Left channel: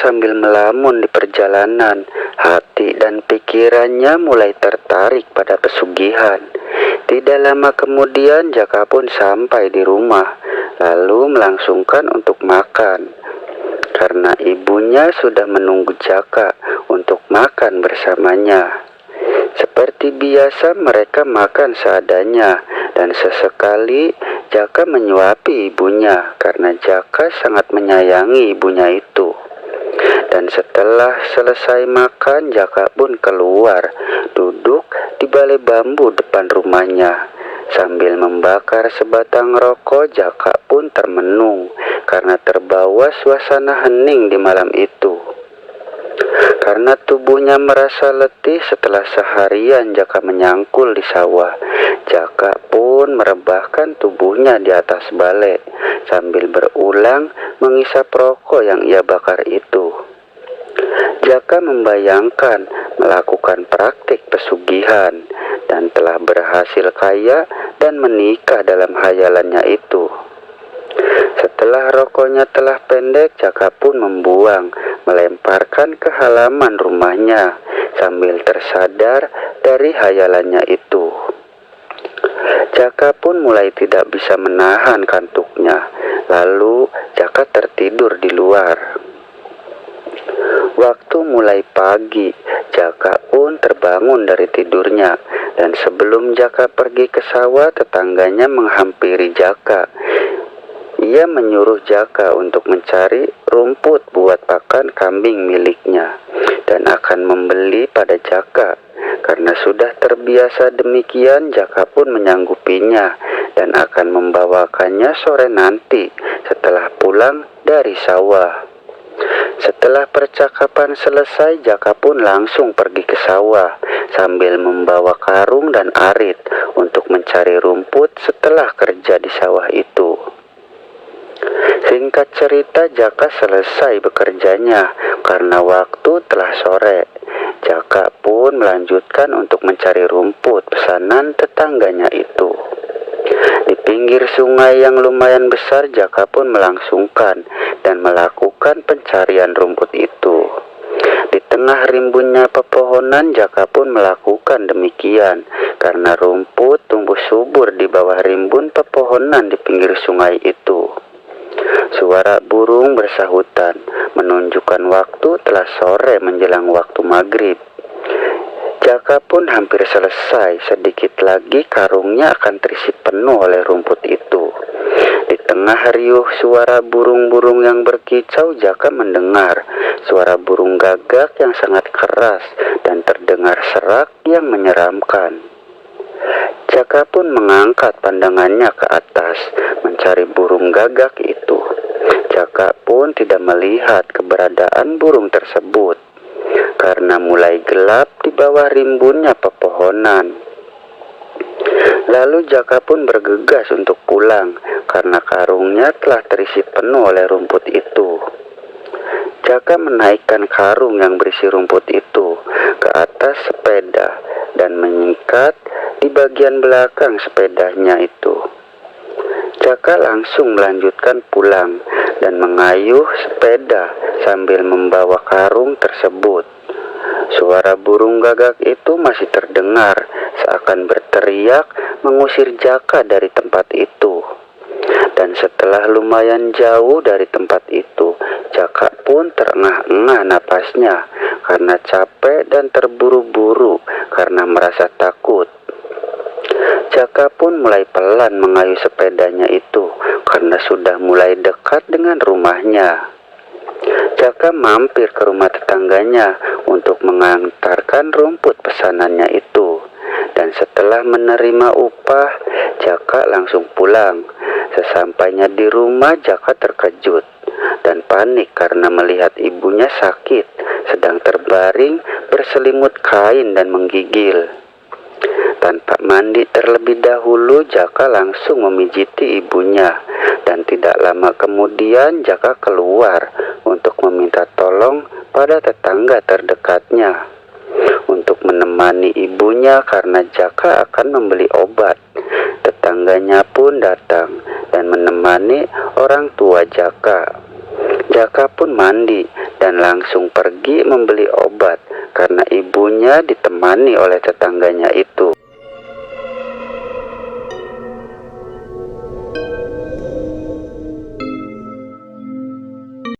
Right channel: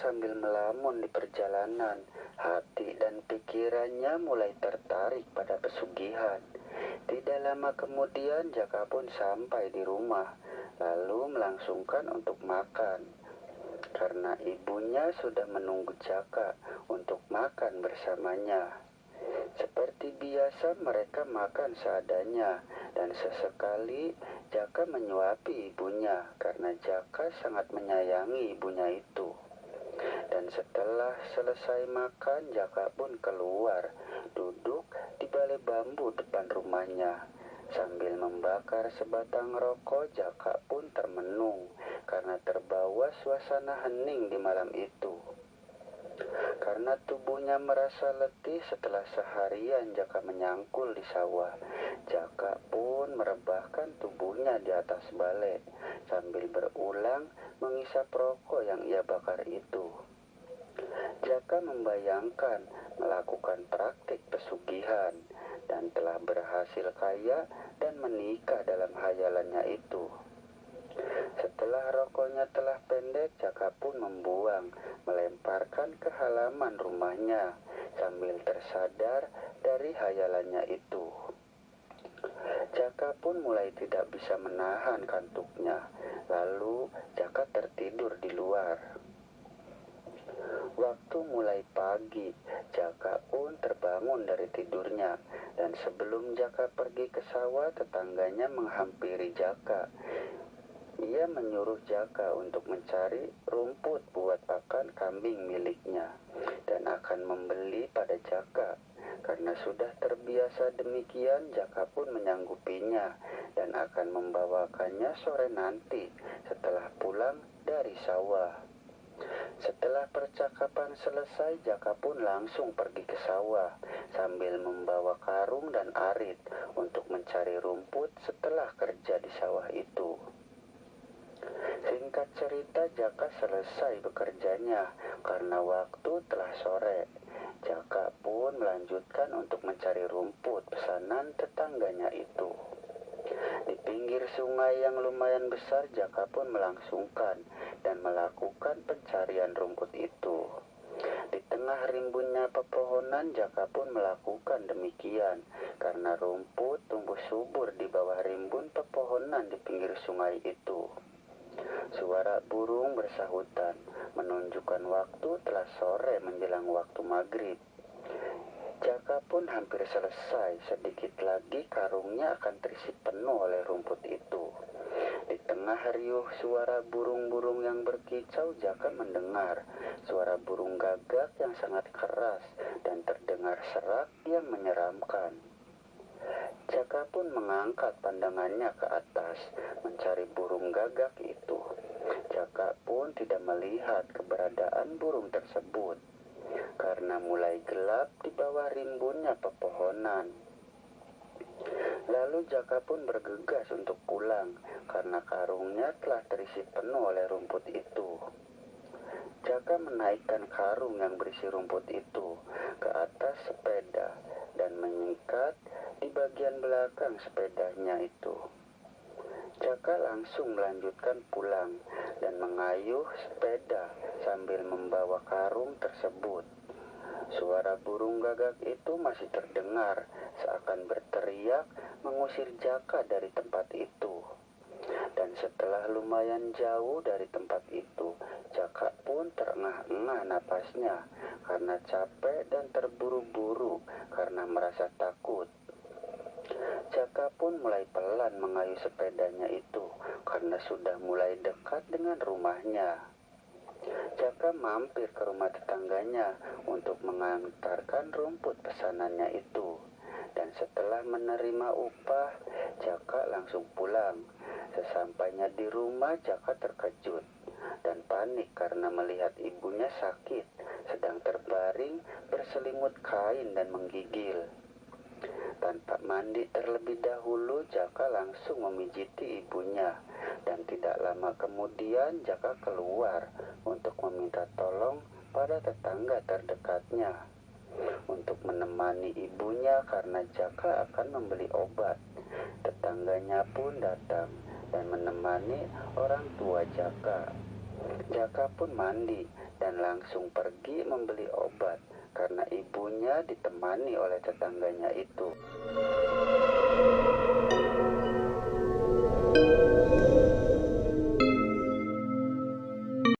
sambil melamun di perjalanan. Hati dan pikirannya mulai tertarik pada pesugihan. Tidak lama kemudian Jaka pun sampai di rumah, lalu melangsungkan untuk makan. Karena ibunya sudah menunggu Jaka untuk makan bersamanya. Seperti biasa mereka makan seadanya, dan sesekali Jaka menyuapi ibunya karena Jaka sangat menyayangi ibunya itu. Dan setelah selesai makan, Jaka pun keluar, duduk di balai bambu depan rumahnya. Sambil membakar sebatang rokok, Jaka pun termenung karena terbawa suasana hening di malam itu. Karena tubuhnya merasa letih setelah seharian Jaka menyangkul di sawah, Jaka pun merebahkan tubuhnya di atas balai sambil berulang mengisap rokok yang ia bakar itu. Jaka membayangkan melakukan praktik pesugihan dan telah berhasil kaya dan menikah dalam hayalannya itu. Setelah rokoknya telah pendek, Jaka pun membuang, melemparkan ke halaman rumahnya sambil tersadar dari hayalannya itu. Jaka pun mulai tidak bisa menahan kantuknya, lalu Jaka tertidur di luar. Waktu mulai pagi, Jaka pun terbangun dari tidurnya, dan sebelum Jaka pergi ke sawah, tetangganya menghampiri Jaka. Ia menyuruh Jaka untuk mencari rumput buat pakan kambing miliknya, dan akan membeli pada Jaka. Karena sudah terbiasa demikian, Jaka pun menyanggupinya dan akan membawakannya sore nanti setelah pulang dari sawah. Setelah percakapan selesai, Jaka pun langsung pergi ke sawah sambil membawa karung dan arit untuk mencari rumput setelah kerja di sawah itu. Singkat cerita, Jaka selesai bekerjanya karena waktu telah sore. Jaka pun melanjutkan untuk mencari rumput pesanan tetangganya itu. Di pinggir sungai yang lumayan besar, Jaka pun melangsungkan dan melakukan pencarian rumput itu. Di tengah rimbunnya pepohonan, Jaka pun melakukan demikian karena rumput tumbuh subur di bawah rimbun pepohonan di pinggir sungai itu. Suara burung bersahutan menunjukkan waktu telah sore menjelang waktu maghrib. Jaka pun hampir selesai, sedikit lagi karungnya akan terisi penuh oleh rumput itu. Di tengah riuh suara burung-burung yang berkicau, Jaka mendengar suara burung gagak yang sangat keras dan terdengar serak yang menyeramkan. Jaka pun mengangkat pandangannya ke atas, mencari burung gagak itu. Jaka pun tidak melihat keberadaan burung tersebut karena mulai gelap di bawah rimbunnya pepohonan. Lalu Jaka pun bergegas untuk pulang karena karungnya telah terisi penuh oleh rumput itu. Jaka menaikkan karung yang berisi rumput itu ke atas sepeda dan mengikat di bagian belakang sepedanya itu. Jaka langsung melanjutkan pulang dan mengayuh sepeda sambil membawa karung tersebut. Suara burung gagak itu masih terdengar, seakan berteriak mengusir Jaka dari tempat itu. Dan setelah lumayan jauh dari tempat itu, Jaka pun terengah-engah napasnya karena capek dan terburu-buru karena merasa takut. Jaka pun mulai pelan mengayuh sepedanya itu karena sudah mulai dekat dengan rumahnya. Jaka mampir ke rumah tetangganya untuk mengantarkan rumput pesanannya itu. Dan setelah menerima upah, Jaka langsung pulang. Sesampainya di rumah, Jaka terkejut dan panik karena melihat ibunya sakit, sedang terbaring berselimut kain dan menggigil. Tanpa mandi terlebih dahulu, Jaka langsung memijiti ibunya. Dan tidak lama kemudian Jaka keluar untuk meminta tolong pada tetangga terdekatnya untuk menemani ibunya karena Jaka akan membeli obat. Tetangganya pun datang dan menemani orang tua Jaka. Jaka pun mandi dan langsung pergi membeli obat karena ibunya ditemani oleh tetangganya itu.